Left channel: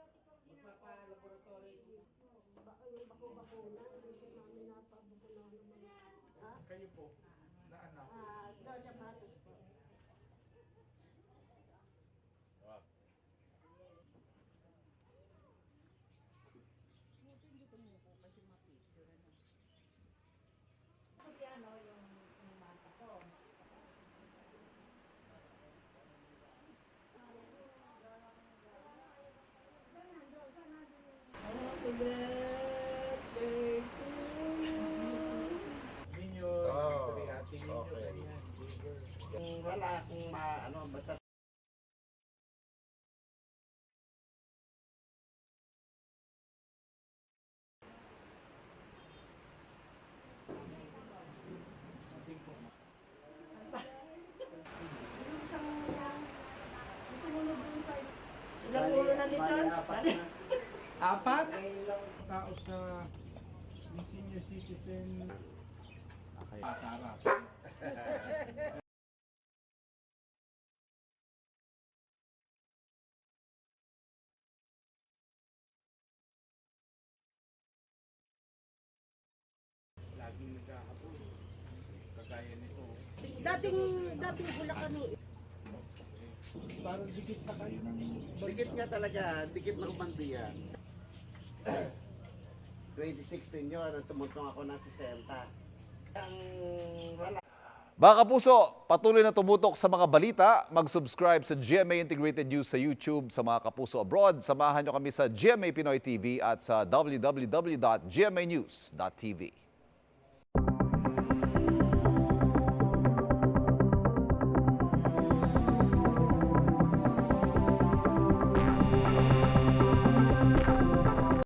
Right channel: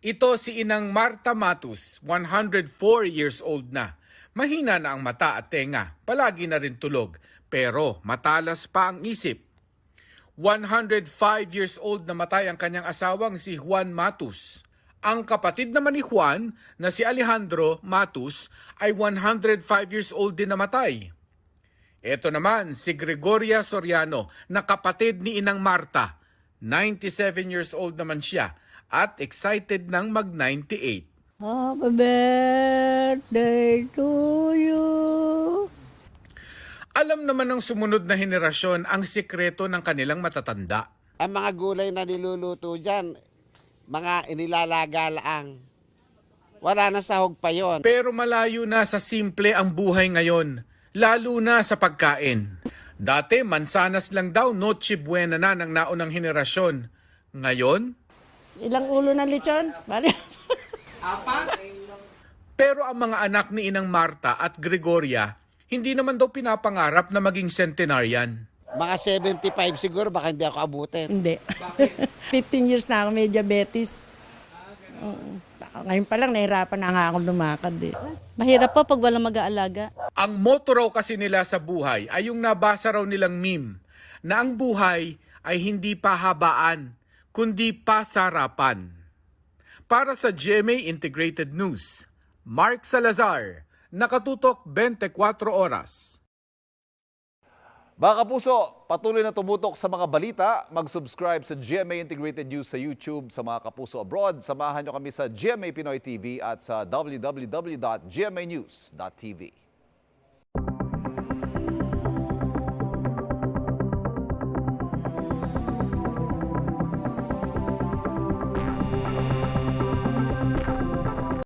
Ito si Inang Marta Matus, 104 years old na. Mahina na ang mata at tenga, palagi na rin tulog, pero matalas pa ang isip. 105 years old na matay ang kanyang asawang si Juan Matus. Ang kapatid naman ni Juan na si Alejandro Matus ay 105 years old din namatay. Ito naman si Gregoria Soriano na kapatid ni Inang Marta. 97 years old naman siya at excited ng mag-98. Happy birthday to you. Alam naman ng sumunod na henerasyon ang sikreto ng kanilang matatanda. Ang mga gulay na niluluto dyan, mga inilalaga lang. Wala na sahog pa yon. Pero malayo na sa simple ang buhay ngayon, lalo na sa pagkain. Dati, mansanas lang daw, noche buena na ng naunang henerasyon. Ngayon, Ilang ulo ng lechon? Bali. pero ang mga anak ni Inang Marta at Gregoria, hindi naman daw pinapangarap na maging centenarian. Mga 75 siguro, baka hindi ako abutin. Hindi. 15 years na ako may diabetes. Oo. Ngayon pa lang, nahirapan na nga akong lumakad eh. Mahirap po pag walang mag-aalaga. Ang motto raw kasi nila sa buhay ay yung nabasa raw nilang meme na ang buhay ay hindi pahabaan, kundi pasarapan. Para sa GMA Integrated News, Mark Salazar, nakatutok 24 oras. Mga kapuso, patuloy na tumutok sa mga balita. Mag-subscribe sa GMA Integrated News sa YouTube. Sa mga kapuso abroad, samahan nyo kami sa GMA Pinoy TV at sa www.gmanews.tv.